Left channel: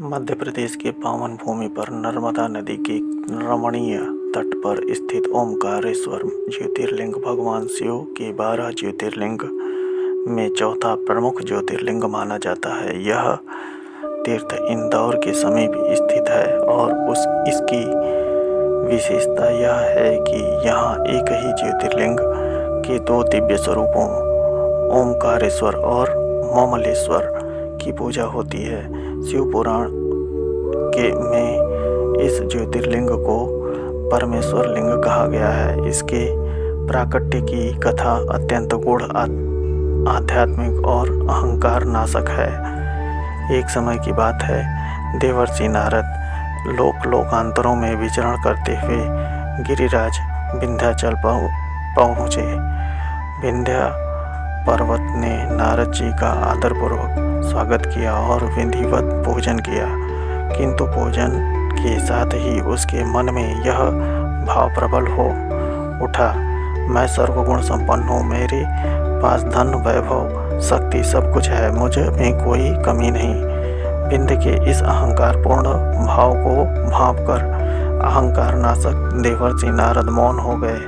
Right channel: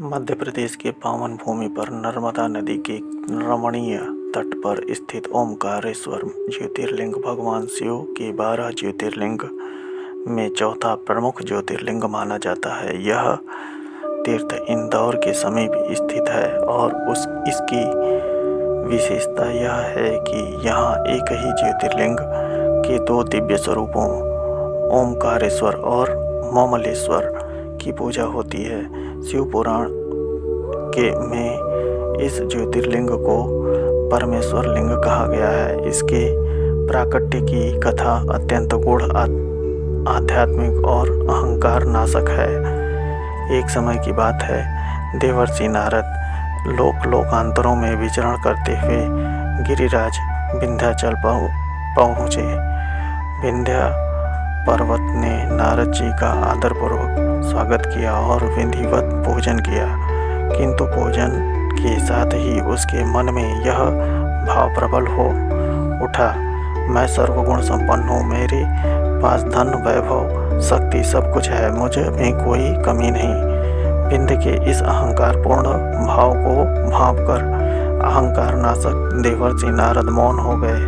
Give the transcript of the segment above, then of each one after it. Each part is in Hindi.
मध्य प्रदेश के पावन भूमि पर नर्मदा नदी के रमणीय तट पर स्थित ओमकारेश्वर ज्योतिर्लिंग भगवान शिव के 12 ज्योतिर्लिंग में चौथा प्रमुख ज्योतिर्लिंग माना जाता है। यह तीर्थ इंदौर के समीप स्थित है और इसकी विशेषता यह है कि यहाँ एक ही ज्योतिर्लिंग के 2 दिव्य स्वरूपों ओमकारेश्वर और ममलेश्वर की पूजा होती है। शिव पुराण में इस ज्योतिर्लिंग को परमेश्वर लिंग कहा गया है। इसके प्राकट्य की कथा अत्यंत गूढ़, आध्यात्मिक और अहंकार नाशक है। एक समय की बात है, देवर्षि नारद लोकांतरों में विचरण करते हुए गिरिराज विंध्याचल पहुँचे। विंध्या पर्वत ने नारद जी का आदरपूर्वक स्वागत किया और विधिवत पूजन किया, किंतु पूजन के साथ ही उसके मन में यह भाव प्रबल हो उठा, मैं सर्वगुण संपन्न हूँ, मेरे पास धन वैभव शक्ति सब कुछ है, मुझे में कोई कमी नहीं। विंध्य के इस अहंकारपूर्ण भाव को भांपकर अहंकार नाशक देवर्षि नारद मौन हो गए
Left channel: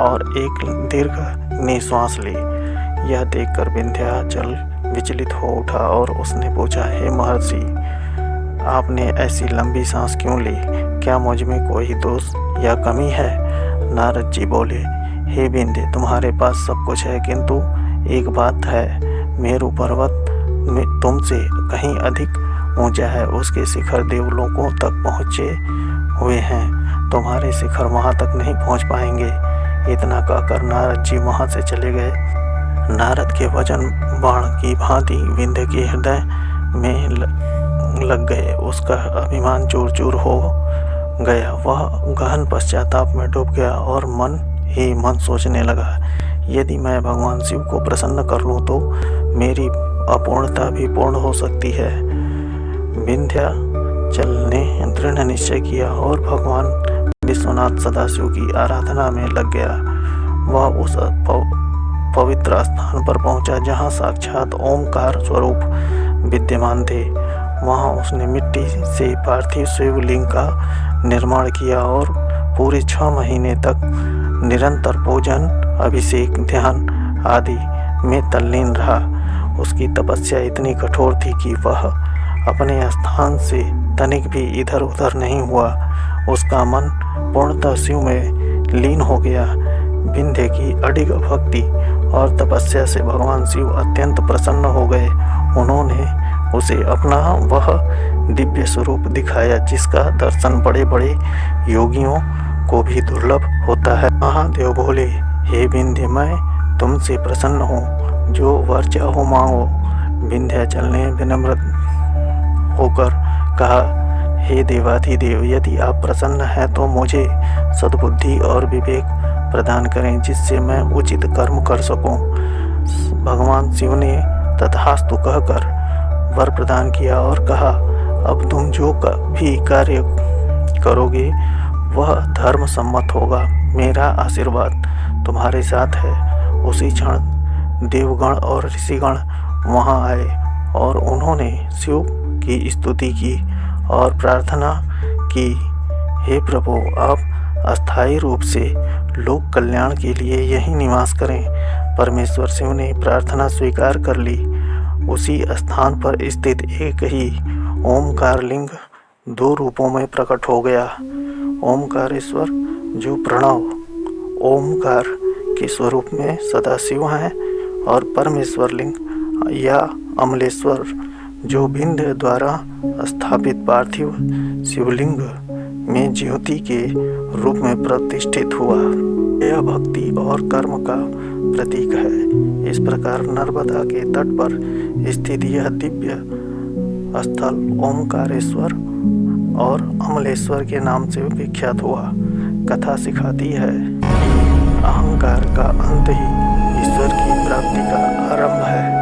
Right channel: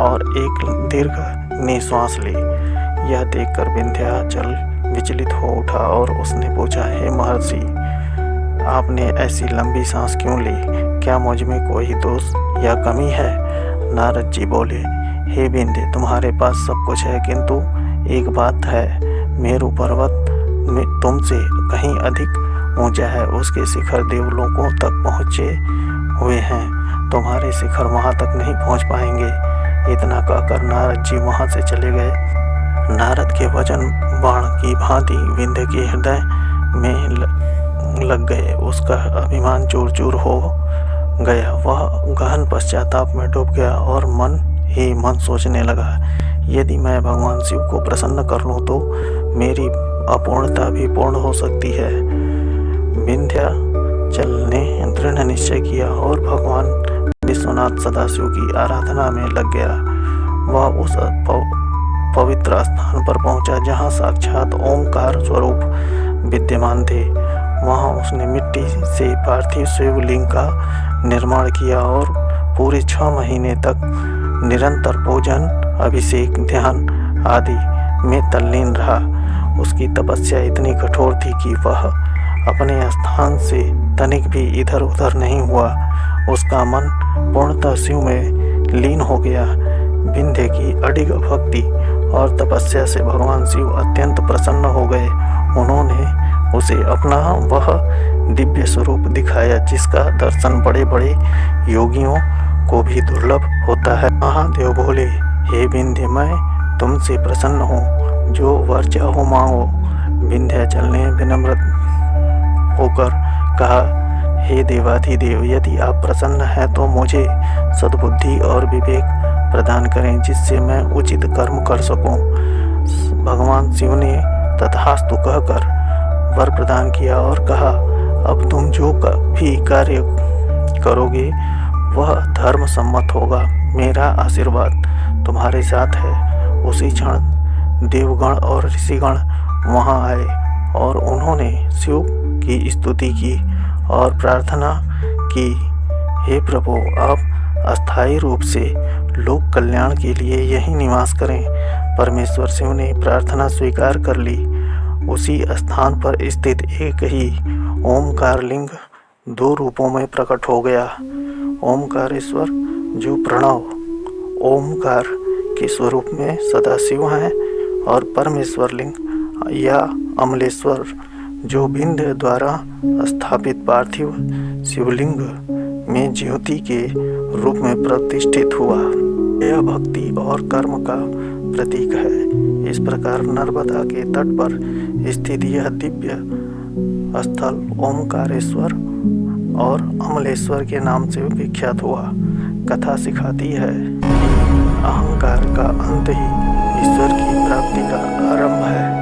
और एक दीर्घ निश्वास ली। यह देखकर विंध्याचल विचलित हो उठा और उसने पूछा, हे महर्षि, आपने ऐसी लंबी सांस क्यों ली? क्या मुझ में कोई दोष या कमी है? नारद जी बोले, हे विंध्य, तुम्हारे पास सब कुछ है, किंतु एक बात है, मेरु पर्वत तुमसे कहीं अधिक ऊंचा है, उसके शिखर देवलोकों तक पहुँचे हुए हैं, तुम्हारे शिखर वहाँ तक नहीं पहुँच पाएंगे। इतना कहकर नारद जी वहाँ से चले गए। नारद के वचन बाण की भांति विंध्य के हृदय में लग गए। उसका अभिमान चूर चूर हो गया। वह गहन पश्चाताप में डूब गया और मन ही मन सोचने लगा, यदि मैं भगवान शिव को प्रसन्न कर लूँ तो मेरी अपूर्णता भी पूर्ण हो सकती है। विंध्याचल ने दृढ़ निश्चय किया और भगवान विश्वनाथ सदाशिव की आराधना में लग गया। वह उस पवित्र स्थान पर पहुंचा जहां साक्षात ओमकार स्वरूप विद्यमान थे। वहां उसने मिट्टी से पार्थिव शिवलिंग का निर्माण किया और पूरे 6 महीने तक निरंतर पूजन, अभिषेक, ध्यान आदि में तल्लीन रहा। उसकी तपस्या इतनी कठोर थी कि वह अपने स्थान से तनिक भी इधर उधर नहीं हुआ। उसका मन पूर्णतः शिव में लीन हो गया। विंध्य की अडिग भक्ति और तपस्या से भगवान शिव अत्यंत प्रसन्न हो गए। उन्होंने उसे अपना वह दिव्य स्वरूप दिखाया जिसका दर्शन बड़े बड़े योगियों को भी दुर्लभ होता है। महादेव बोले, हे विंध्य, मैं तुमसे प्रसन्न हूँ, जो वर चाहो मांगो। विंध्याचल ने विनम्र होकर कहा, हे देवाधिदेव, यदि आप प्रसन्न हैं तो मुझे सद्बुद्धि और विवेक प्रदान करें, जिससे मैं उचित कर्म कर सकूं। भगवान शिव ने तथास्तु कहकर वर प्रदान किया और कहा, अब तुम जो भी कार्य करोगे वह धर्म सम्मत होगा। मेरा आशीर्वाद तुम्हारे साथ है। उसी क्षण देवगण और ऋषिगण वहां आए और उन्होंने शिव की स्तुति की और प्रार्थना की, हे प्रभु, आप अस्थायी रूप से लोक कल्याण के लिए यही निवास करें। परमेश्वर शिव ने प्रार्थना स्वीकार कर ली। उसी स्थान पर स्थित एक ही ओमकार लिंग 2 रूपों में प्रकट हो गया। ओमकारेश्वर जो प्रणव ओमकार के स्वरूप में सदाशिव हैं, और परमेश्वर लिंग या अमलेश्वर जो विंध्य द्वारा स्थापित पार्थिव शिवलिंग में ज्योति के रूप में प्रतिष्ठित हुआ। यह भक्ति और कर्म का प्रतीक है। इस प्रकार नर्मदा के तट पर स्थित यह दिव्य स्थल ओमकारेश्वर और अमलेश्वर के नाम से विख्यात हुआ। कथा सिखाती है कि अहंकार का अंत ही ईश्वर की प्राप्ति का आरंभ है।